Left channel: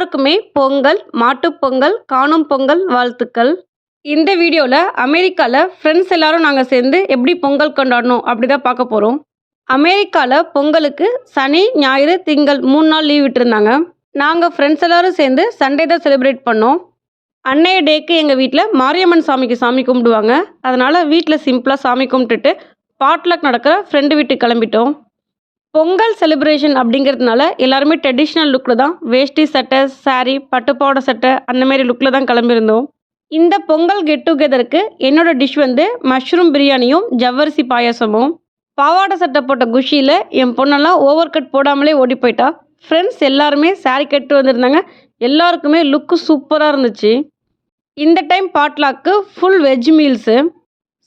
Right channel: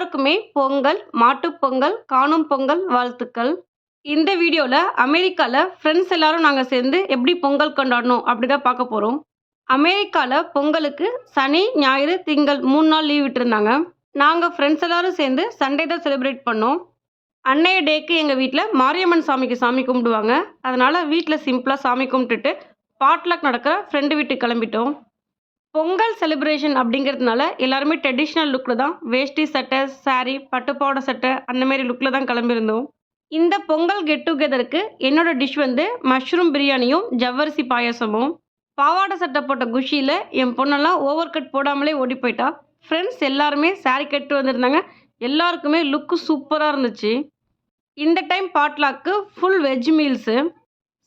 எல்லாருக்குமே பொங்கல் மாட்டுப்பொங்கல் காணும் பொங்கல் வாழ்த்துக்கள். இந்த வீடியோவில் அமெரிக்காவில் ஃப்ரெண்ட்ஸ் எல்லாரும் நாங்கள் சேர்ந்து எப்படி பொங்கல் கொண்டாடணும் அப்படி தான் பார்க்க போகிறோம் அமெரிக்காவில் பொங்கலுக்கு சனி ஞாயிறு திங்கள் மூணு நாள் லீவ் விட்டுருந்தாங்க. நாங்கள் ஃப்ரெண்ட்ஸ் எல்லாரும் சேர்ந்து சண்டே தான் செலிப்ரேட் பண்ணோம். அன்னைய டேக்கு எங்கள் வீட்டில் மாரியம்மன் சாமிக்கு சாமி கும்பிடுவாங்க. அதனால் வீட்டில் சிம்பிளாக சாமி கும்பிட்டுட்டு பாட்லக் நடக்கிற ஃப்ரெண்டு வீட்டுக்கு கிளம்பிட்டோம். பொங்கல் செலிப்ரேஷன் அப்படிங்கிறதுனால எல்லாருமே ட்ரெடிஷ்னல் லுக்கில் தான் வேஷ்டி சட்டை சாரீ பட்டுப்பாவோட சட்டை அந்தமாரி லுக்கில் தான் கிளம்பியிருந்தோம். இந்த பொங்கல் கெட் டுகெதருக்கு என்னோடய டிஷ் வந்து மஷ்ரூம் பிரியாணியும் ஜவ்வரிசி பாயாசமும். பாவாடை சட்டை போட்ட குஷியில் என் பொண்ணெல்லாம் ஓவர் கட் போடாமலே ஓடி போயிட்டா. ஃப்ரெண்ட்ஸ் எல்லாருமே சாரி கட்டு வந்திருந்தாங்க. எல்லாருக்குமே லுக்கு சூப்பராக இருந்துச்சு. இந்த டைம் பாட்லாக்கு ஃபுல் வெஜ் மீல்ஸு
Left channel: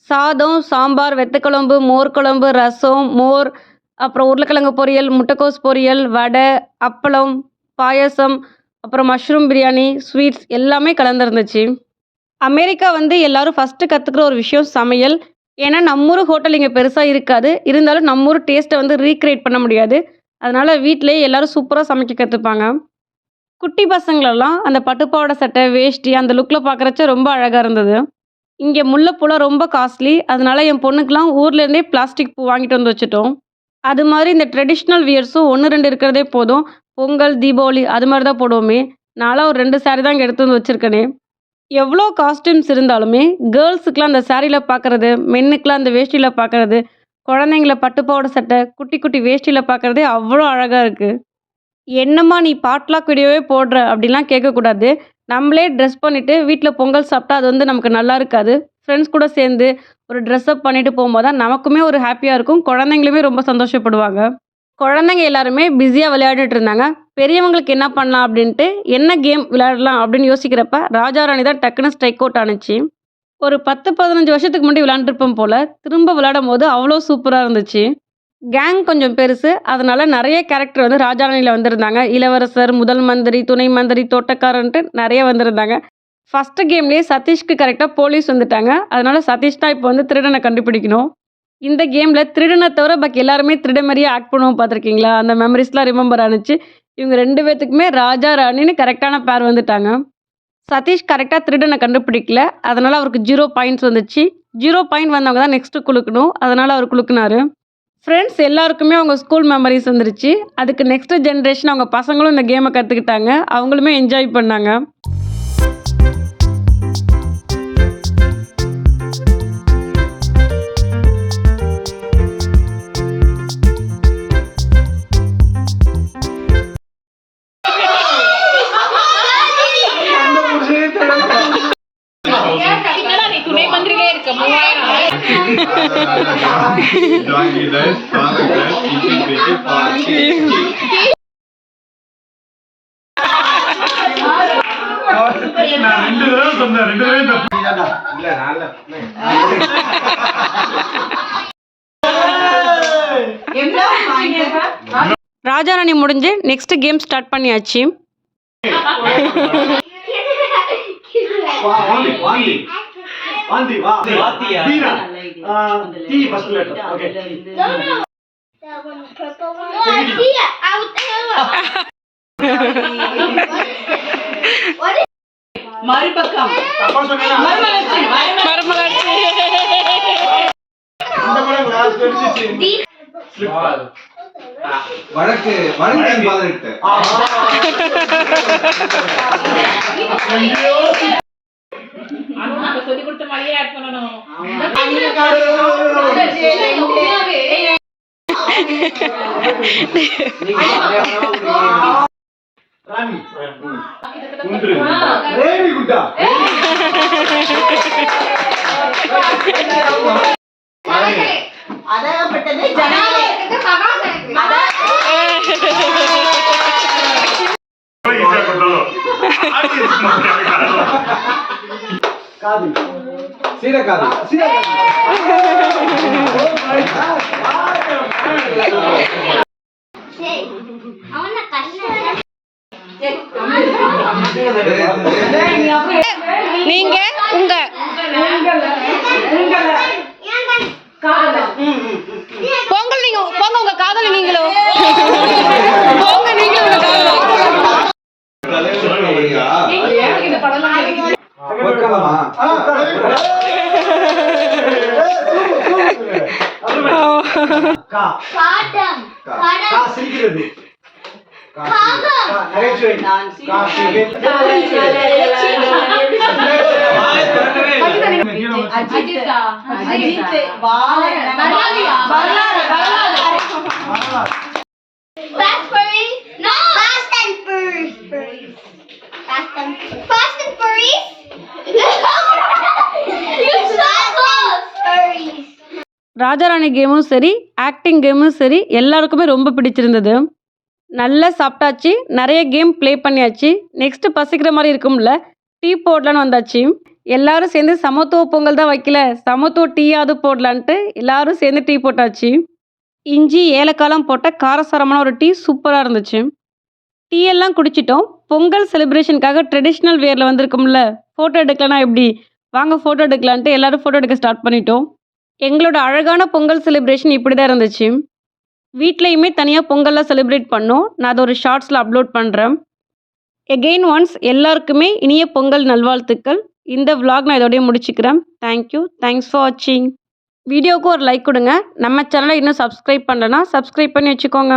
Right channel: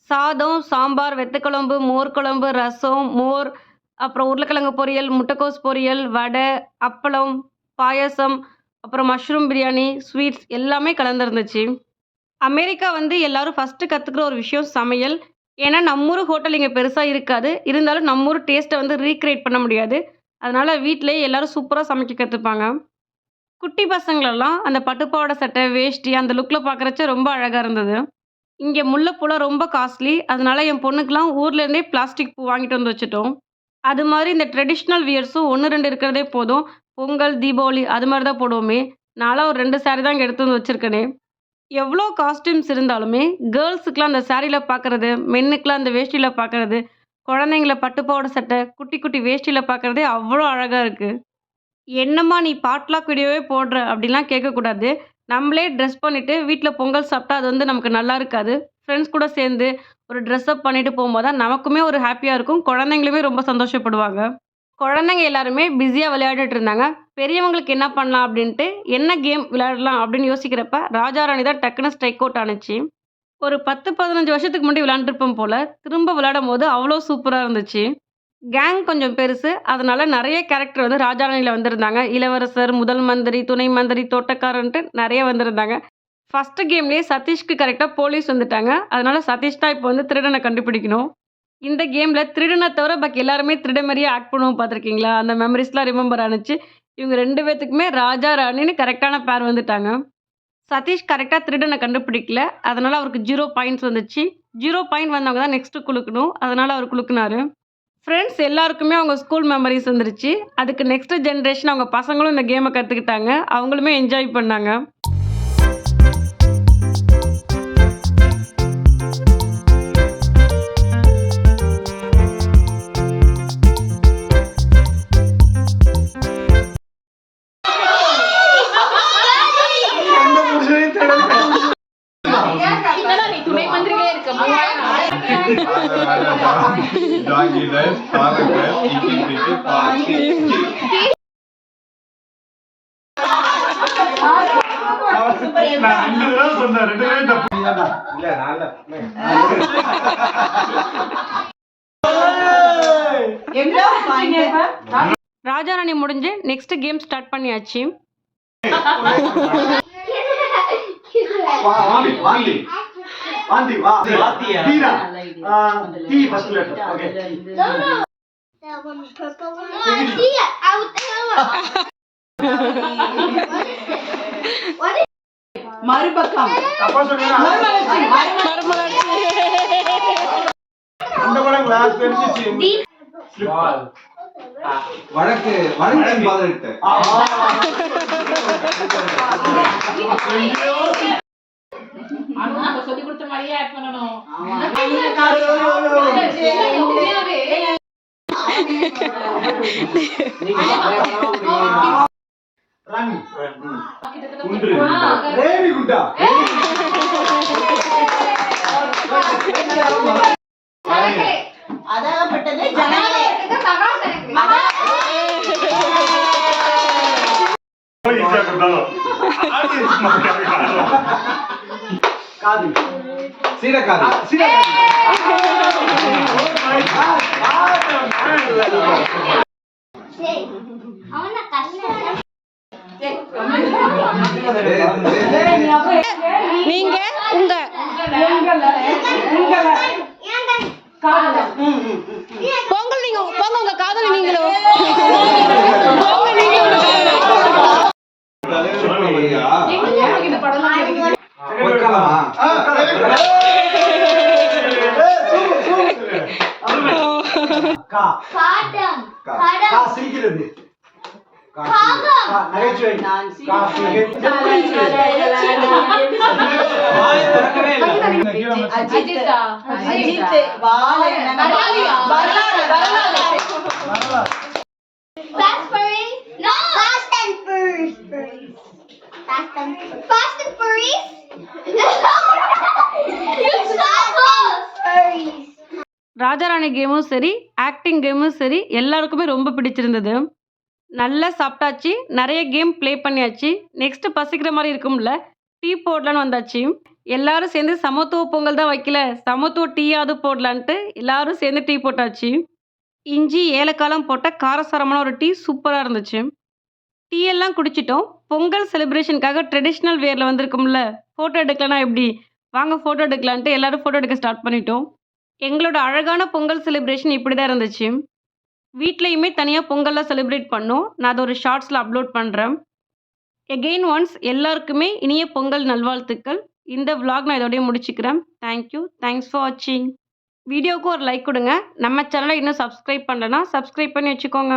சாதம் சாம்பார் வெத்தக்குழம்பு மோர் குழம்பு ரசம் மோர் அப்புறம் உருளைக்கிழங்கு பொரியல் முட்டைக்கோஸ் பொரியல் வடை அப்பளம் பாயாசம் அப்புறம் மஷ்ரூம் பிரியாணி ஸ்வீட்ஸ் எல்லாமே கலந்துருந்துச்சு. அமெரிக்கா வந்து எல்லாரும் ஃபஸ்ட்டு கற்றுக்கிற ஒரு விஷயம் சமையல். ஏன்னா நம்மூர் ஹோட்டல் இங்கே பெருசாக இருக்காது. இருந்தாலும் நம்மூர் டேஸ்ட்டை வந்து ரீக்ரியேட் பண்ண முடியாது. அதனால் வீட்டிலேயே எல்லாரும் சூப்பராக சமைக்க கற்றுப்பாங்க குட்டி பசங்களெல்லாம் அந்த பட்டுப்பாவோட சட்டை வேஷ்டி அந்த லுக்கில் பார்க்குறச்ச ரொம்ப அழகாக இருந்தது. இங்கே முல்லைப்பூலாம் ரொம்ப காஸ்ட்லி அதனால் என் பொண்ணுக்கெலாம் ஊர்லேருந்தே பிளாஸ்டிக் பூ வாங்கிட்டு வந்து வச்சுட்டோம். அது மாதிரி இந்த ட்ரெடிஷ்னல் வியர்ஸும் ஒன்று ரெண்டு இருக்கிறதே போதும். பொங்கல் தீபாவளி அது மாதிரி தான் போடுவோமே. நான்லாம் ஒரு ரெண்டு saree தான் இங்கே எடுத்து வந்து வச்சுருக்கேனே. எவ்வளோ காஸ்ட்யூம்ஸ் இருந்தாலுமே கேர்ள்ஸுக்கெலாம் அந்த சாரியில் பார்க்குறது மென்னுக்கெலாம் அந்த வேஷ்டியில் பார்க்குறது குழந்தைங்கள பட்டுப்பாவோட சட்டை குட்டி குட்டி வேஷ்டியில் பார்க்குறதே அவ்வளோ அழகாக இருக்குது என்னம்மா நீ பாட்லாக் வீடியோவே போடுற அப்படிலாம் கேட்கக்கூடாது. நம்மளே ட்ரெஸ் பண்ணிவிட்டு வீட்டில் பொங்கல் சாப்பிட்டா அது வந்து நமக்கு நல்லா இருக்காது. ஃப்ரெண்ட்ஸ் கூட சேர்ந்து ஒரு ட்ரெஸ்அப் பண்ணிட்டு போகும்போது தான் நமக்குமே ஒரு ஹாப்பியாக இருக்கும். குழந்தைங்களுமே ரொம்ப சந்தோஷப்படுவாங்க. குழந்தைங்க எல்லாருமே பிஸியாக விளையாடிட்டு இருந்தாங்க. பெரியவங்களுக்கு என்ன பண்ணலாம் அப்படின்ட்டு என்ன கேம் விளையாடலாம் அப்படின்னு யோசிக்கிறப்ப ராஜா ராணி தான் டக்குன்னு ஸ்ட்ரைக் அவுட் ஆணுச்சு ஒரு பத்து பதினஞ்சு வருஷத்துக்கு முன்னாடி விளையாண்டுருப்போம் போல் திரும்ப விளையாடும் போது அவ்வளோ சூப்பராக இருந்துச்சு. கேங் கொஞ்சம் பெருசு. அதனால் நிறைய கேரக்டர் வந்து ராஜாராணியில் வந்திருந்தாங்க. இளவரசர் முதல் மந்திரி துணை மந்திரி தோட்டக்காரன்ட்டு நிறைய வந்திருந்தாங்க. ஃபஸ்ட்டு கேம்லேயே சதீஷ்க்கு கரெக்டாக போலீஸ் வந்துட்டாங்க. அதனால சதீஷ் தான் இப்போ வந்து திருடனை கண்டுபிடிக்கணும். இந்த கேமில் திருடனை தவிர பாக்கி எல்லாருமே திருட மாதிரியே ஆக்ட் பண்ணுவோம் பார்த்துருக்கீங்களா? அந்த மெமரிஸ்லாம் ரிமெம்பர் ஆனுச்சு. இவங்க ரெண்டு பேர்த்துக்குமே ராஜா ராணின்னு கரெக்டான பேர் வந்துட்டாங்க. சதீஷ் கரெக்டாக திருடனை கண்டுபிடிக்கல. அதனால் அவருக்கு ஜீரோ பாயிண்ட்ஸ் வந்துச்சு. ஜீரோ பாயிண்ட் வந்தவங்க தான் நெக்ஸ்ட்டு குழுக்கணும் அதனால் அவர் குழுக்குனாரு ஃப்ரெண்ட்ஸ் எல்லாருக்குமே அவங்க ஸ்கூல் மெமரிஸ் வந்துருச்சு. அதுக்கு நெக்ஸ்ட் ஜென்ரேஷன் அவங்க பசங்களும் இந்த கேமை கற்றுக்கிட்டாங்க அவங்களுமே என்ஜாய் பண்ணாங்க. ராஜாராணி முடிஞ்சு நெக்ஸ்ட் கேம் ஸ்டார்ட் பண்ணியாச்சு வாந்தி வாந்தி வாந்தி வா தீரா D first letter okay That one purple one. Yeah, I would tell What is மறுபக்கம். அப்பா சொன்னா மறுமலர்ச்சி மறுமலர்ச்சி. அந்த கூட கிளாஸ் வெச்சிச்சு வழக்கு வழக்கின் பாதகிட்ட அதுவும் நம்ம சொல்லி கொடுத்த மாதிரியே ஆட் பண்ணணும் ராணி குன்று காது. சீனக்காரி சீரா ஓ my god what I want to cut நீங்க உங்க பொங்கல் நீங்க பொங்க உங்க காதல் நீங்களும் போங்க நீங்களும் உங்க காதல். கா Kadam. Ka. கா Kadam. சிரிக்கிறது Kadam. கா நகைச்சுவை கா அஜித்தா அஜித் பாலன் நம்ம வரலாறு. வரலாறு ராஜாராணி கேமும் சரி ஆக்டிங் கேமும் சரி எல்லாருக்குமே ரொம்ப பிடிச்சிருந்தது. நல்லா சாப்பிட்டாச்சு. நிறைய கேம் ப்ளே பண்ணியாச்சு. நெக்ஸ்ட் பசிக்கிற மாதிரி இருக்கும்ல டீ போடலான்னு வந்தாச்சு. எல்லாரும் சேர்ந்து சமத்துவ பொங்கல் தான் வைக்கல. சமத்துவ டீயாவது போடலான்ட்டு எல்லாரும் சேர்ந்து டீ போட்டாச்சு. இஞ்சி ஏலக்காலம் போட்ட காரசாரமான ஒரு டீ சூப்பராக இருந்துச்சு. டீ எல்லாம் குடிச்சிட்டோம். பொங்கல் செலிப்ரேஷனுக்காக ட்ரெடிஷ்னல் வேரில் வந்திருக்கும்ல ஃபோட்டோ எடுக்கலனா எப்படி? வாங்க ஃபோட்டோ எடுக்கலான்ட்டு எல்லோரும் ஃபோட்டோ எடுக்க ஸ்டார்ட் பண்ணிட்டோம். எங்களோட அழகான பொங்கல் செலிப்ரேஷன் இப்படி தான் இருந்துச்சு. வீட்லேயுமே தனியாக பொங்கல்லாம் செலிப்ரேட் பண்ணோம். நான் அதை ஒரு ஷார்ட்ஸில் அப்லோட் பண்ணுறேன் எகெயின் ஒன்ஸ் எல்லாருக்குமே இனிய பொங்கல் நல்வாழ்த்துக்கள். இந்த விலாக் நான் இதோடய முடிச்சுக்கிறேன். தேங்க்யூ தேங்க்ஸ் ஃபார் வாட்சிங் வீடியோவுக்கு ஒரு லைக் கொடுங்க. நம்ம சேனலை இன்னும் சப்ஸ்கிரைப் பண்ணலன்னா சப்ஸ்கிரைப் பண்ணி வச்சுக்கோங்க.